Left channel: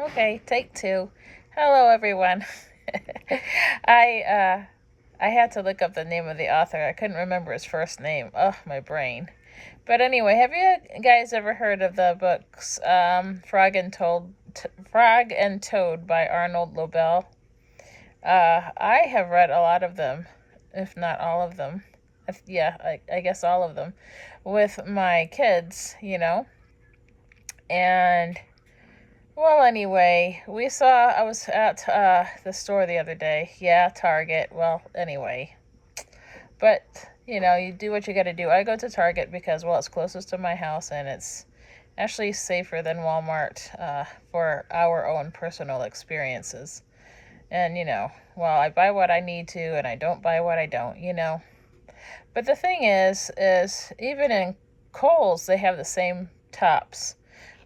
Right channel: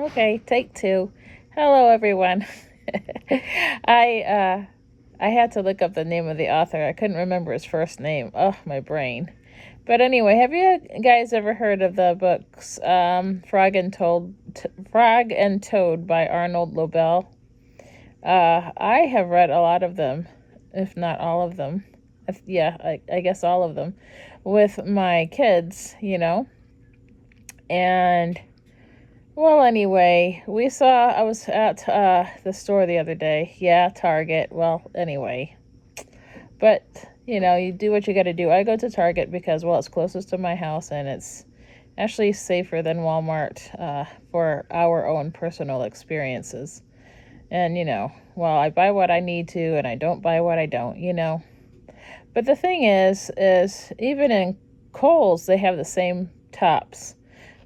Okay, take two. Hello, everyone. I I had to look up the name of the author. I couldn't remember his first name. Oh, my brain. But anyway, have you guys ever heard of the books Frog and Toad by Arnold Lobel? I have read a lot of them, if not all of them. Yeah, I guess all of them, with my kids, and well, anyway, I was at the store the other day. Yeah, Target. Well, anyway. But, you do what you got to do. I go to Target because, well, it's closest to my house and it's actually safer than Walmart for our own personal experiences. And, well, I buy what I need to and I don't buy what I don't. But the thing is even in Kohl's, they have the same tops.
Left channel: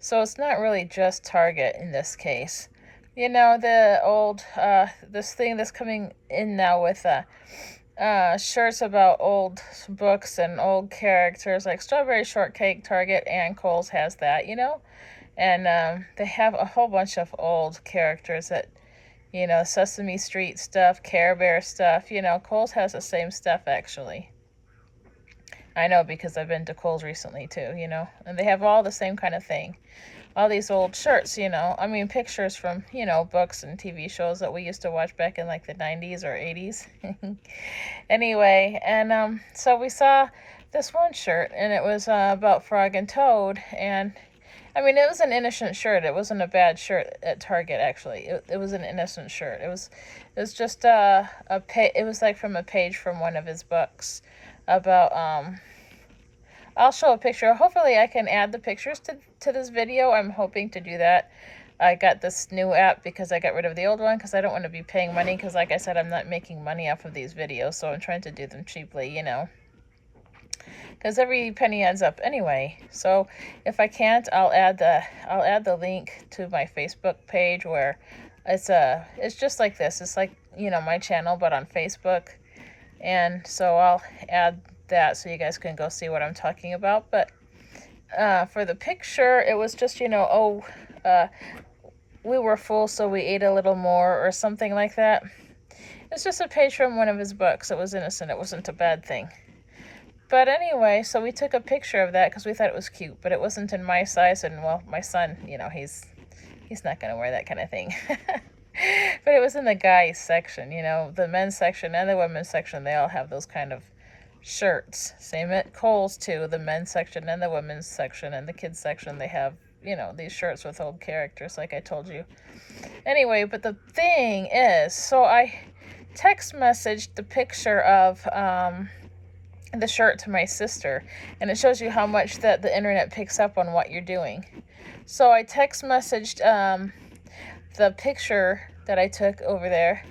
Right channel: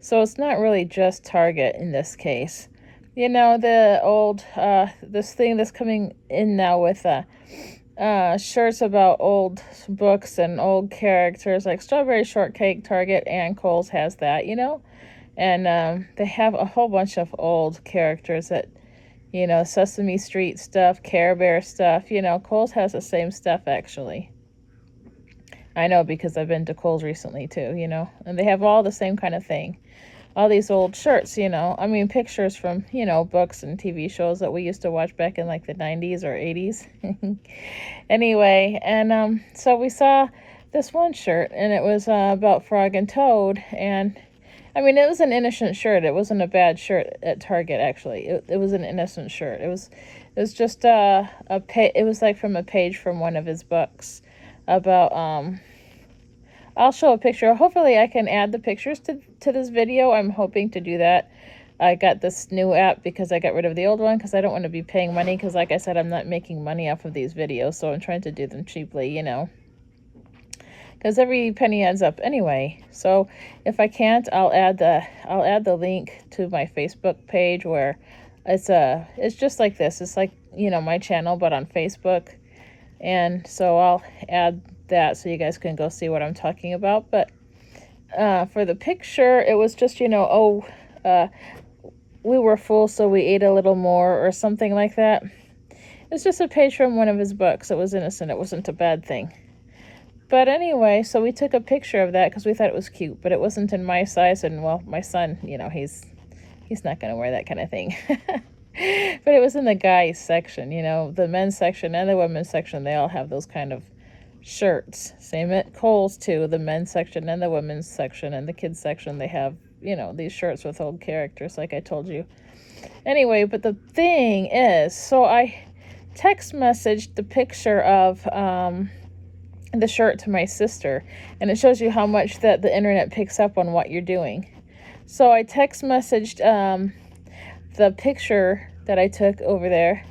So it's not really just Target in this case. The old, this thing that's coming in now with shirts about old books and old characters, like Strawberry Shortcake, Target and Kohl's has that. And they have a whole bunch of old characters that, Sesame Street stuff, Care Bear stuff. Kohl's has the same stuff, actually. I know because I've been to Kohl's recently too, and they have all the same kind of thing. All these old shirts, pictures from, books and TV shows that we used to watch back in like the 90s or 80s. Anyway, and so we saw this one shirt and it was about Frog and Toad, and it was an innocent shirt. It wasn't a bad shirt at Target, actually. It was an innocent shirt. It was just it was like from a page from one of his books about I'll show a picture. Hopefully I can add the pictures to this video. I'm hoping to do that. I got this new app because I got rid of the old one because I don't want to be paying money, because like I said, I'm not making money off of these videos, so I'm trying to do them cheaply, because every penny adds up anyway. So if I can't, I'll add the link to my Facebook page, where it's just like this. It's like, my channel, but on Facebook. And so I'll add that so you guys can go see what I'm talking about. But for the picture, it was just, we were full, so we ate a little more, or something like that. It's just a page from one of his books. It was innocent. It wasn't a bad thing. But anyway, so we took a picture of that because we thought it was cute, but it wasn't in my size. And, well, my son, he's not going to wear that kind of thing. But it was in the guys section, the men's section and the women's section. They all have those kind of shirts. Same at Kohl's too, the men's section and the women's section, and the kids section. They have, these shirts with old characters, like I told you. Anyway, but the thing is, so I text messaged the picture of the shirt to my sister, and it shows you how much that the internet picks up on what you're doing. So I text messaged the picture that I took over there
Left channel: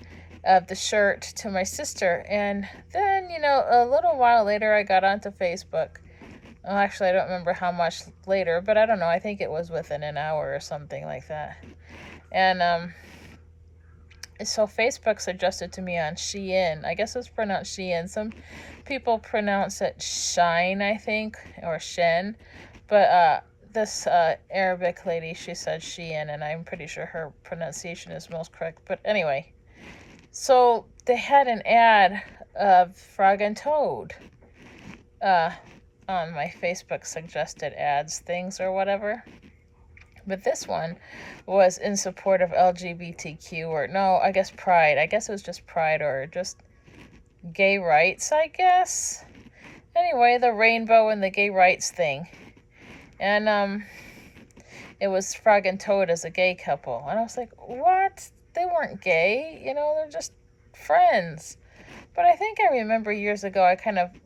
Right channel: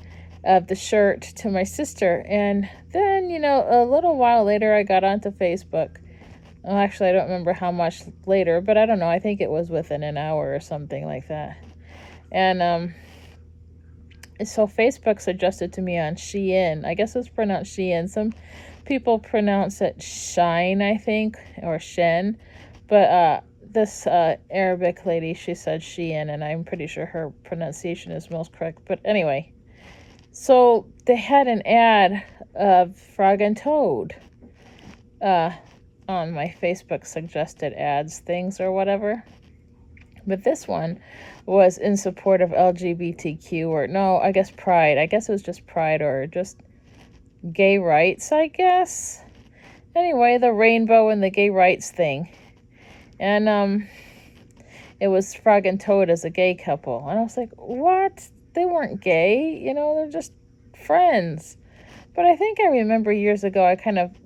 of the shirt to my sister, and then, a little while later I got onto Facebook. Well, actually, I don't remember how much later, but I don't know, I think it was within an hour or something like that. And so Facebook suggested to me on SHEIN. I guess it's pronounced SHEIN. Some people pronounce it SHEIN, I think, or SHEIN, but this Arabic lady, she said SHEIN, and I'm pretty sure her pronunciation is most correct. But anyway, so they had an ad of Frog and Toad on my Facebook suggested ads things or whatever. But this one was in support of LGBTQ, or no, I guess Pride. I guess it was just Pride, or just gay rights, I guess. Anyway, the rainbow and the gay rights thing. And it was Frog and Toad as a gay couple. And I was like, what? They weren't gay, they're just friends. But I think I remember years ago,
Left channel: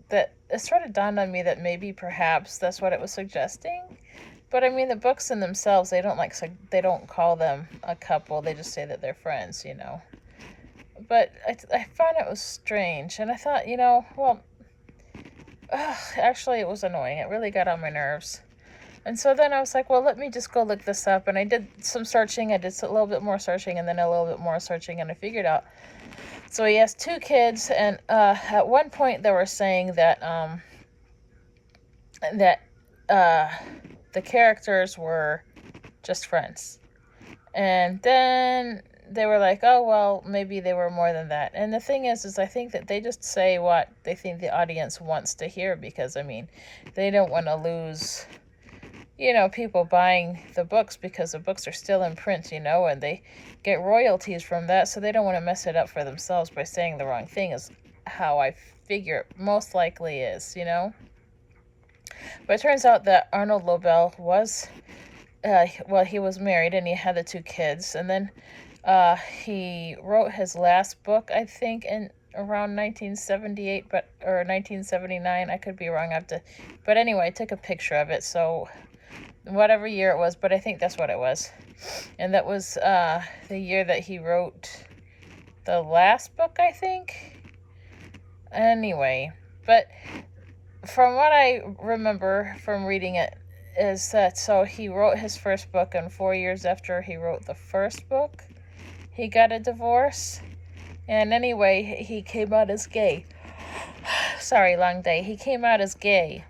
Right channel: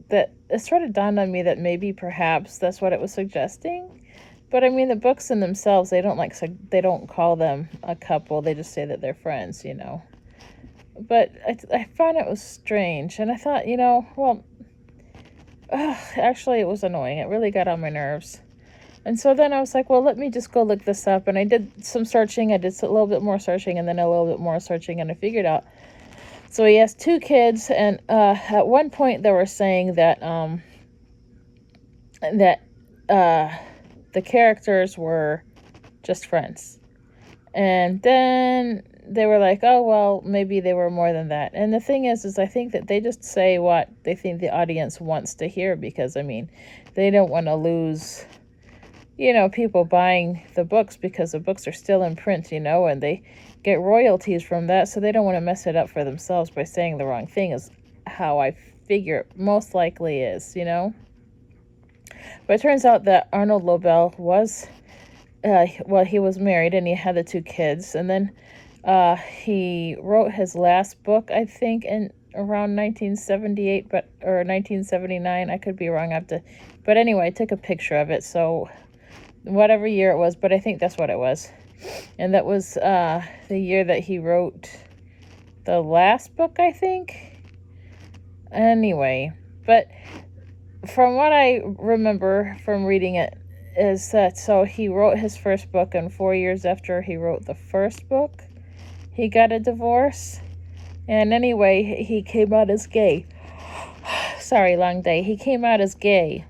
that it sort of dawned on me that maybe perhaps that's what it was suggesting. But the books in themselves, they don't call them a couple. They just say that they're friends, But I found it was strange, and I thought, well, actually it was annoying. It really got on my nerves. And so then I was like, well, let me just go look this up. And I did some searching. I did a little bit more searching, and then a little bit more searching, and I figured out. So he has two kids, and at one point they were saying that the characters were just friends. And then they were like, oh, well, maybe they were more than that. And the thing is I think that they just say what they think the audience wants to hear, because, I mean, they don't want to lose, people buying the books, because the books are still in print, and they get royalties from that. So they don't want to mess it up for themselves by saying the wrong thing, is how I figure it most likely is, But it turns out that Arnold Lobel was, he was married and he had the 2 kids. And then he wrote his last book, I think, in around 1978, or 1979. I could be wrong. But anyway, I took a picture of it. So whatever year it was, but I think that's what it was. And that was the year that he wrote the last book, I think. Anyway, but from what I remember from reading it, is that so he wrote his first book, and 4 years after he wrote the first book, he got a divorce. And anyway, he came out as gay. Sorry, long day. He came out as gay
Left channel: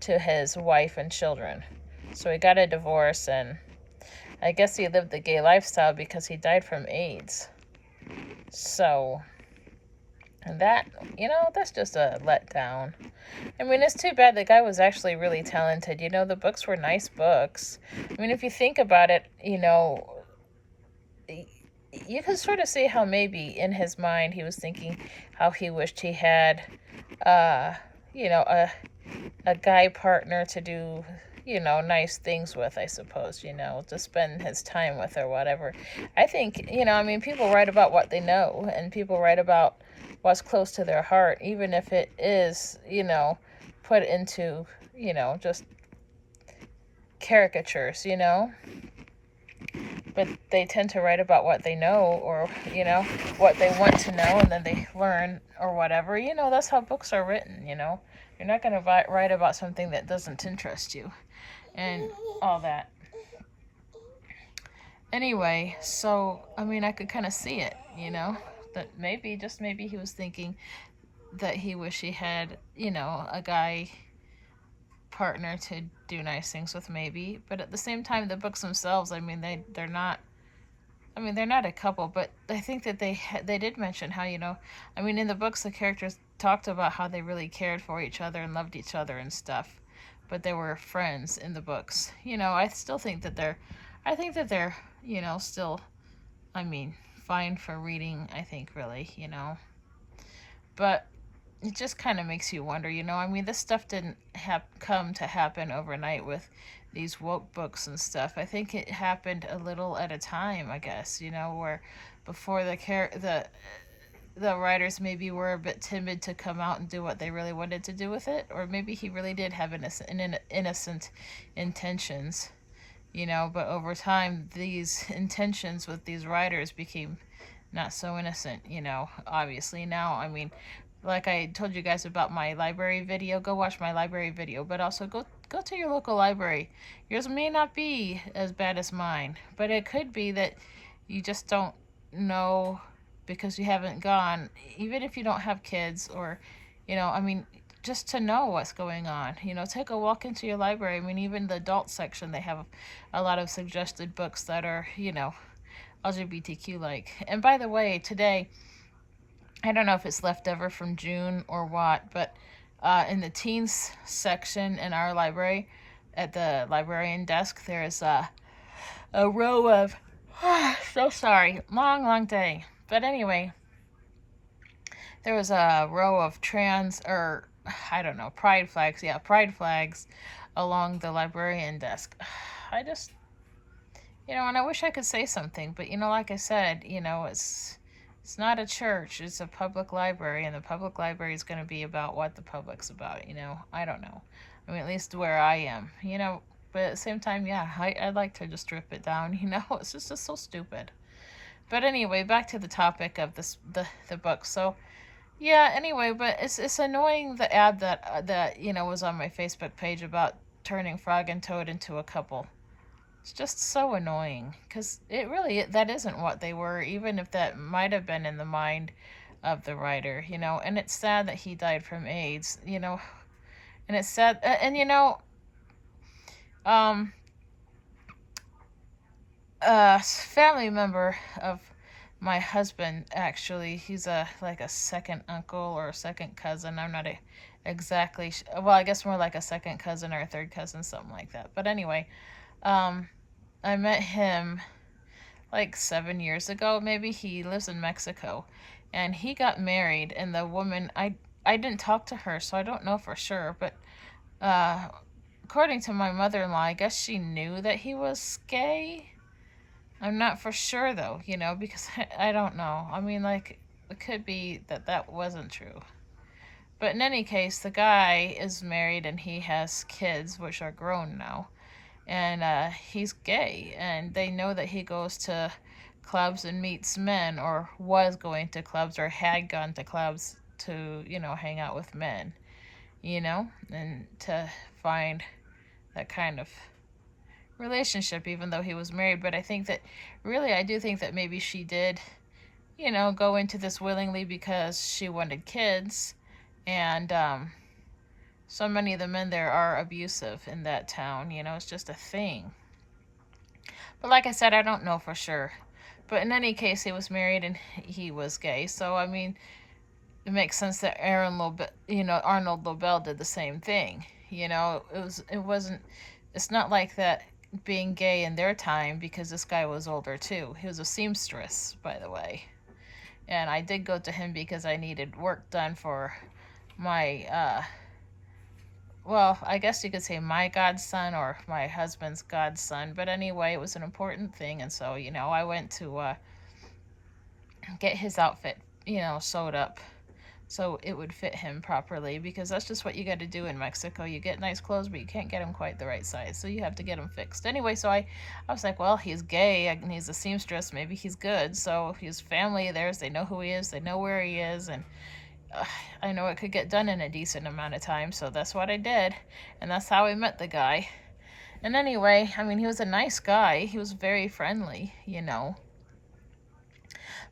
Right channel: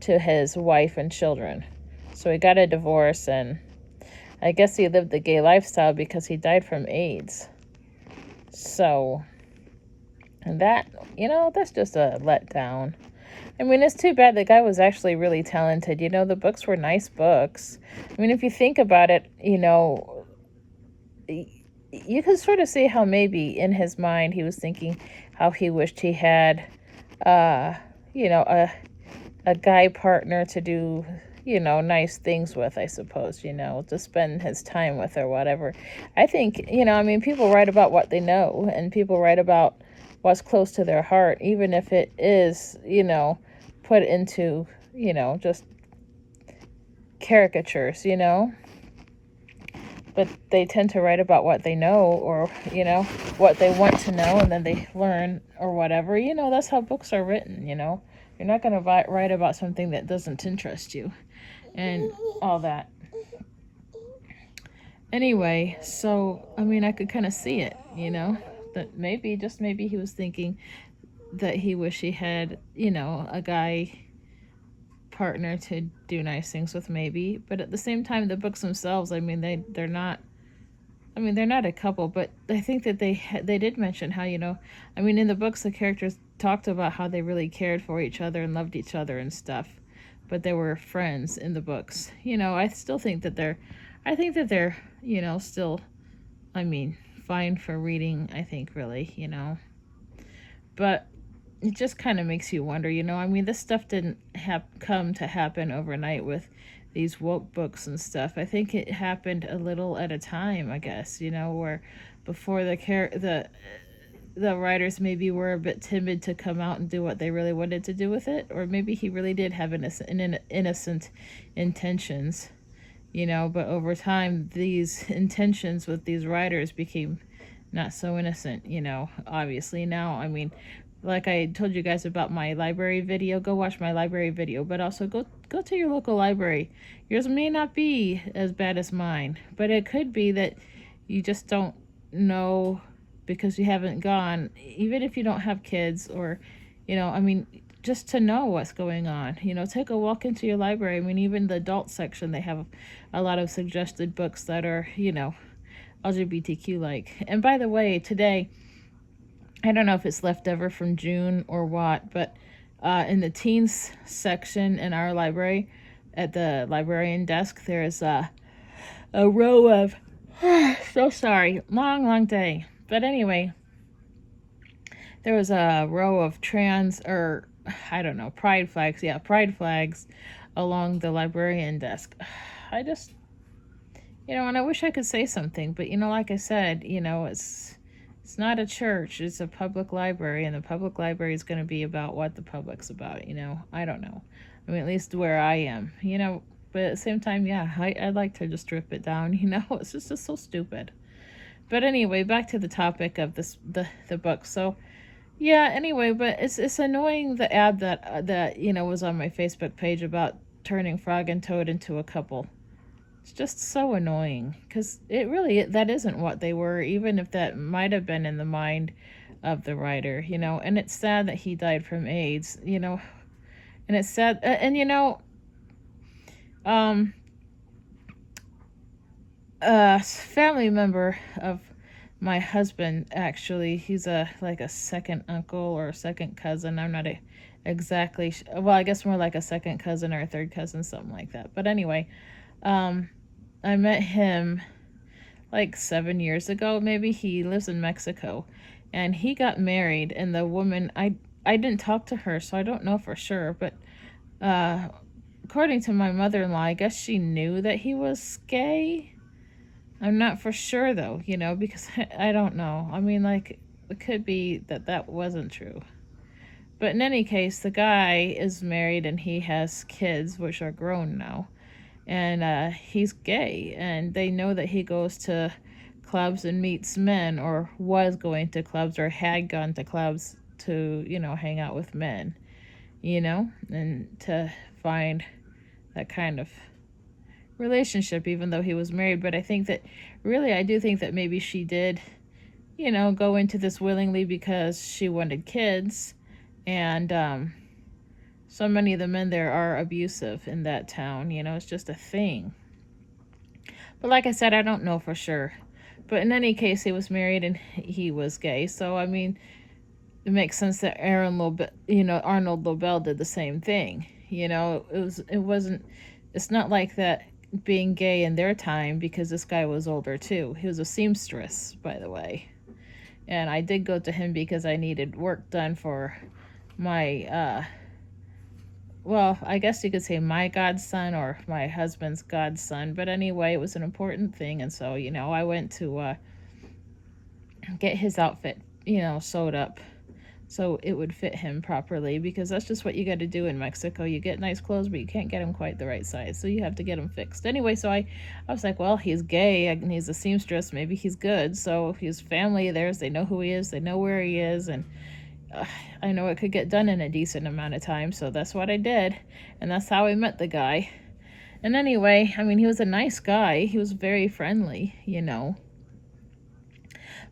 to his wife and children. So he got a divorce, and I guess he lived the gay lifestyle because he died from AIDS. So, and that, that's just a letdown. I mean, it's too bad. The guy was actually really talented. The books were nice books. I mean, if you think about it, you can sort of see how maybe in his mind he was thinking how he wished he had, a guy partner to do, nice things with, I suppose, to spend his time with or whatever. I think, I mean, people write about what they know, and people write about what's close to their heart, even if it is, put into, just caricatures, But they tend to write about what they know, or, what they want to know, and then they learn or whatever. That's how books are written, You're not going to write about something that doesn't interest you and all that. Anyway, so, I mean, I could kind of see it, that maybe, just maybe he was thinking that he wished he had, a guy partner to do nice things with, maybe. But at the same time, the books themselves, I mean, they're not, I mean, they're not a couple, but I think that they did mention how, I mean, in the books, the characters talked about how they really cared for each other and loved each other and stuff, but they were friends in the books. I still think that they're, still, I mean, fine for reading, I think, really, but it just kind of makes you wonder, I mean, this stuff didn't come to happen overnight with these woke books and stuff. I think it happened a little at a time, I guess, where before the writers maybe were a bit timid to come out and do what they really wanted to do with it, or maybe he really did have innocent intentions, but over time these intentions with these writers became not so innocent, obviously. Now, I mean, like I told you guys about my library video, go watch my library video, but also go to your local library. Yours may not be as bad as mine, but it could be that you just don't know because you haven't gone, even if you don't have kids, or, I mean, just to know what's going on. Take a walk into your library. I mean, even the adult section, they have a lot of suggested books that are, LGBTQ like. And by the way, today, I don't know if it's leftover from June or what, but in the teens section in our library, at the librarian desk, there's a row of, so sorry, long day. But anyway, there was a row of pride flags. Yeah, pride flags along the librarian desk. I just, and I wish I could say something, but, like I said, it's not a church, it's a public library, and the public library is going to be about what the public's about, I don't know. I mean, at least where I am, but at the same time, yeah, I'd like to just strip it down, it's just so stupid. But anyway, back to the topic of the book. So, yeah, anyway, but it's annoying, the ad that was on my Facebook page about turning Frog and Toad into a couple. It's just so annoying, because that isn't what they were, even if that might have been in the mind of the writer, and it's sad that he died from AIDS, and it's sad, and family member of my husband, actually. He's like a second uncle or a second cousin. I'm not exactly well, I guess more like a second cousin or a third cousin, something like that. But anyway, um I met him like 7 years ago, maybe. He lives in Mexico, and he got married, and the woman, I didn't talk to her, so I don't know for sure, but uh according to my mother-in-law, I guess she knew that he was gay. I'm not for sure though, because I don't know. I mean, like, it could be that that wasn't true. But in any case, the guy is married and he has kids, which are grown now. And he's gay. And they know that he goes to clubs and meets men, or was going to clubs, or had gone to clubs to, hang out with men, and to find that kind of relationship, even though he was married. But I think that, really, I do think that maybe she did, go into this willingly because she wanted kids. And so many of the men there are abusive in that town. It's just a thing. But like I said, I don't know for sure. But in any case, he was married and he was gay. So, I mean, it makes sense that Arnold Lobel did the same thing. It's not like that being gay in their time, because this guy was older too. He was a seamstress, by the way. And I did go to him because I needed work done for my, well, I guess you could say my godson or my husband's godson. But anyway, it was an important thing. And so, I went to get his outfit, sewed up so it would fit him properly, because that's just what you got to do in Mexico. You get nice clothes, but you can't get them quite the right size, so you have to get them fixed. Anyway, so I was like, well, he's gay and he's a seamstress, maybe he's good. So his family, they know who he is, they know where he is, and I know it could get done in a decent amount of time, so that's what I did. And that's how I met the guy. And anyway, I mean, he was a nice guy. He was very friendly,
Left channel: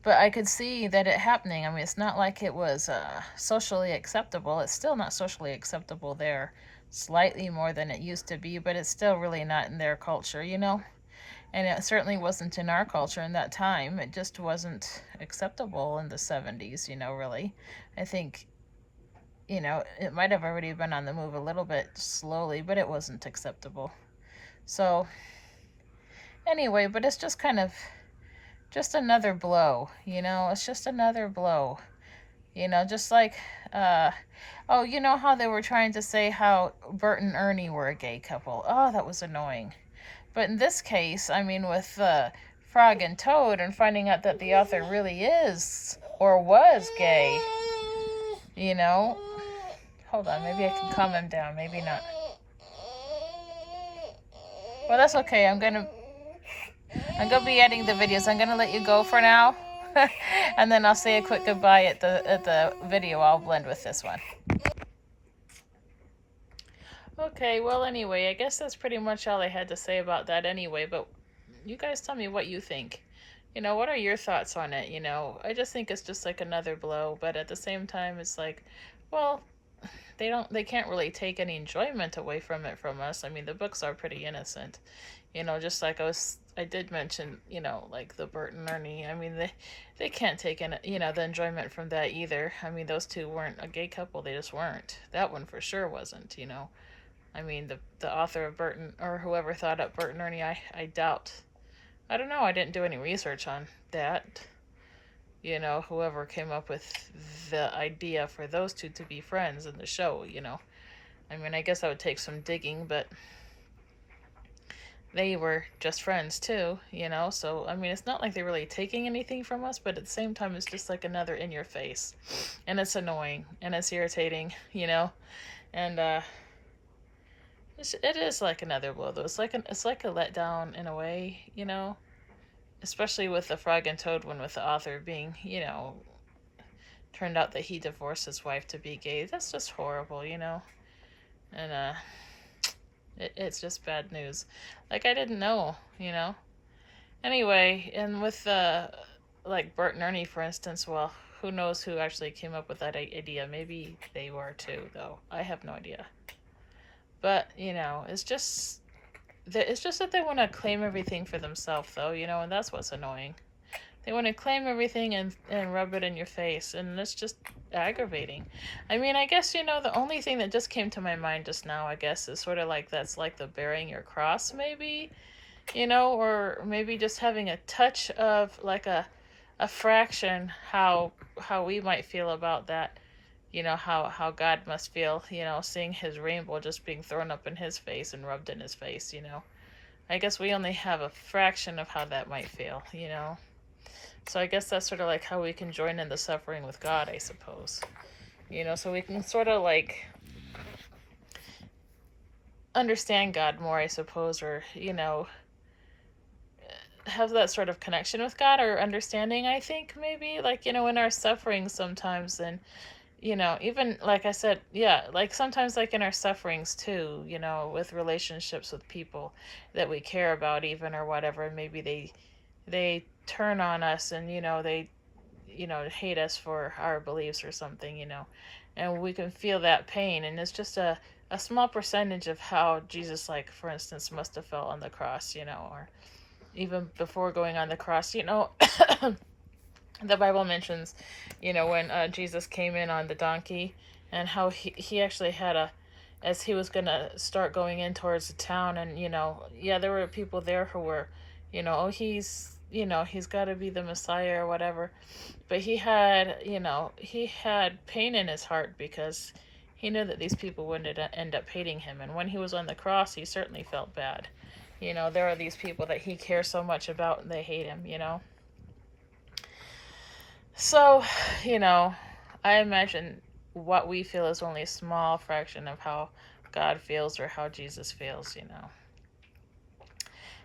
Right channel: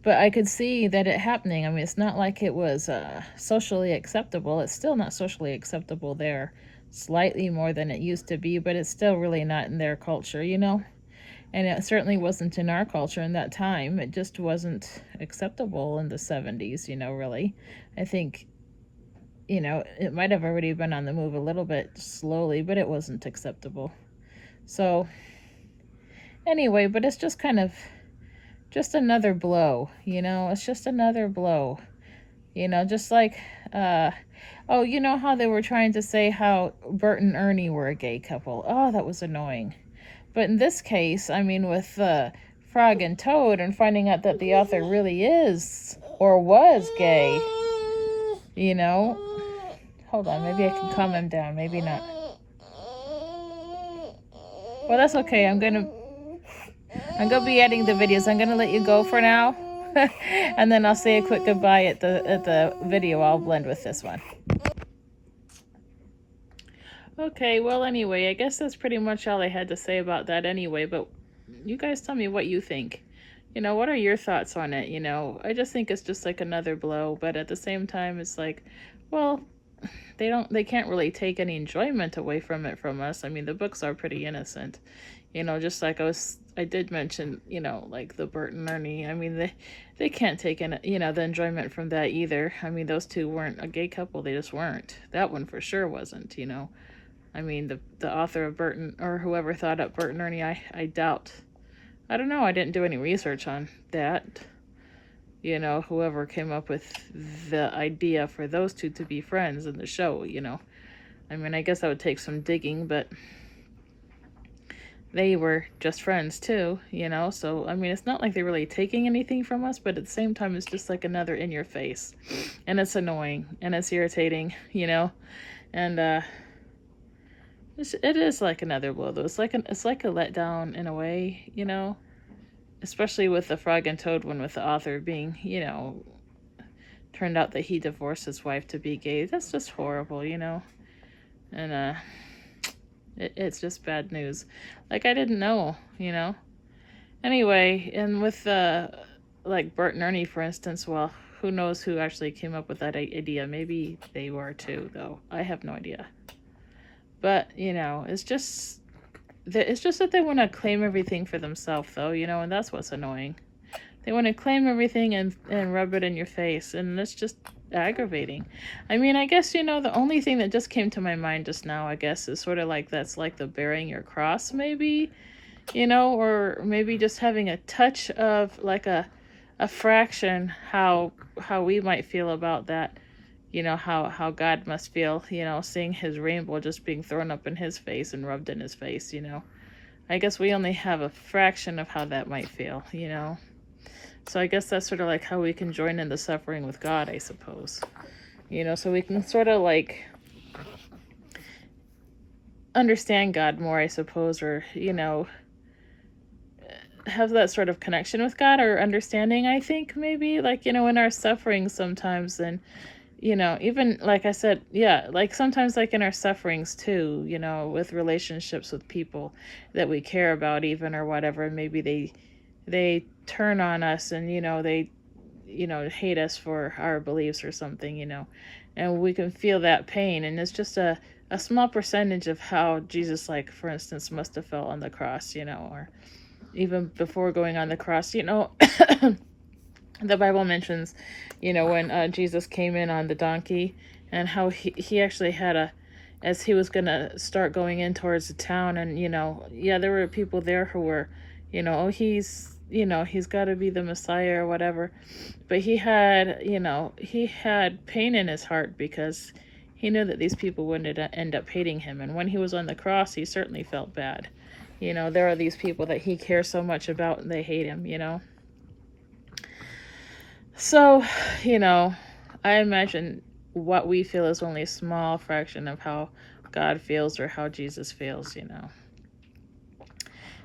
But I could see that it happening. I mean, it's not like it was socially acceptable. It's still not socially acceptable there. Slightly more than it used to be, but it's still really not in their culture, And it certainly wasn't in our culture in that time. It just wasn't acceptable in the 70s, really. I think, it might have already been on the move a little bit slowly, but it wasn't acceptable. So, anyway, but it's just kind of just another blow, it's just another blow, just like, oh, how they were trying to say how Bert and Ernie were a gay couple. Oh, that was annoying. But in this case, I mean, with Frog and Toad, and finding out that the author really is or was gay, hold on, maybe I can calm him down, maybe not. Well, that's okay. I'm gonna be editing the videos. I'm gonna let you go for now. And then I'll say a quick goodbye at the video. I'll blend with this one. Okay, well, anyway, I guess that's pretty much all I had to say about that anyway. But you guys tell me what you think. What are your thoughts on it? I just think it's just like another blow. But at the same time, it's like, well, they can't really take any enjoyment away from it from us. I mean, the books are pretty innocent. Just like I did mention, like the Bert and Ernie. I mean, they can't take the enjoyment from that either. I mean, those two weren't a gay couple. They just weren't. That one for sure wasn't, I mean, the author of or whoever thought up Bert and Ernie, I doubt. I don't know. I didn't do any research on that. Whoever came up with the idea for those two to be friends in the show, I mean, I guess that would take some digging, but they were just friends too, so I mean, it's not like they're really taking anything from us, but at the same time, it's just like another in your face, and it's annoying and it's irritating, and it is like another blow though. It's like a letdown in a way, especially with the Frog and Toad one, with the author being, turned out that he divorced his wife to be gay. That's just horrible, and it's just bad news. Like, I didn't know, Anyway, and with like Bert and Ernie, for instance, well, who knows who actually came up with that idea? Maybe they were too, though. I have no idea. But, it's just it's just that they want to claim everything for themselves, though, and that's what's annoying. They want to claim everything and rub it in your face, and it's just aggravating. I mean, I guess, the only thing that just came to my mind just now, I guess, is sort of like that's like the bearing your cross, maybe, or maybe just having a touch of like a fraction how we might feel about that. How God must feel, seeing his rainbow just being thrown up in his face and rubbed in his face. I guess we only have a fraction of how that might feel. So I guess that's sort of like how we can join in the suffering with God, I suppose. So we can sort of like understand God more, I suppose, or, have that sort of connection with God or understanding, I think, maybe, like, in our suffering sometimes, and, even, like I said, yeah, like sometimes, like in our sufferings too, with relationships with people that we care about even, or whatever, and maybe they turn on us and, they, hate us for our beliefs or something, and we can feel that pain, and it's just a small percentage of how Jesus, like, for instance, must have felt on the cross, or even before going on the cross, the Bible mentions, when Jesus came in on the donkey, and how he actually had as he was going to start going in towards the town, and, yeah, there were people there who were, oh, he's got to be the Messiah or whatever. But he had pain in his heart because he knew that these people wouldn't end up hating him. And when he was on the cross, he certainly felt bad. There are these people that he cares so much about and they hate him, So, I imagine what we feel is only a small fraction of how God feels or how Jesus feels,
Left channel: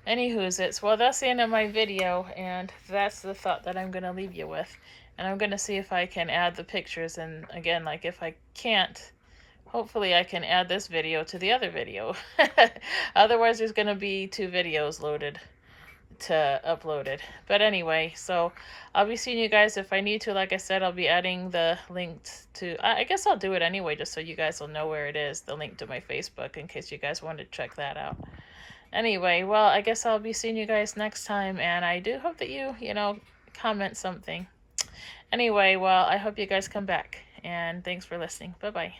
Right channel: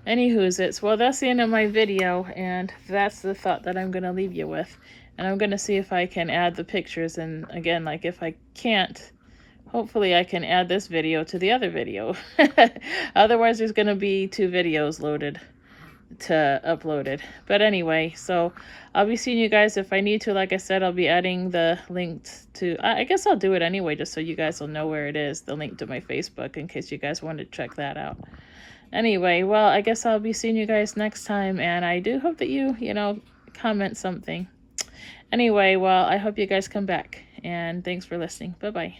Anywho's, well, that's the end of my video, and that's the thought that I'm going to leave you with. And I'm going to see if I can add the pictures, and again, like, if I can't, hopefully I can add this video to the other video. Otherwise, there's going to be 2 videos loaded to uploaded. But anyway, so I'll be seeing you guys if I need to. Like I said, I'll be adding the link to, I guess I'll do it anyway, just so you guys will know where it is, the link to my Facebook, in case you guys want to check that out. Anyway, well, I guess I'll be seeing you guys next time, and I do hope that you comment something. Anyway, well, I hope you guys come back, and thanks for listening. Bye-bye.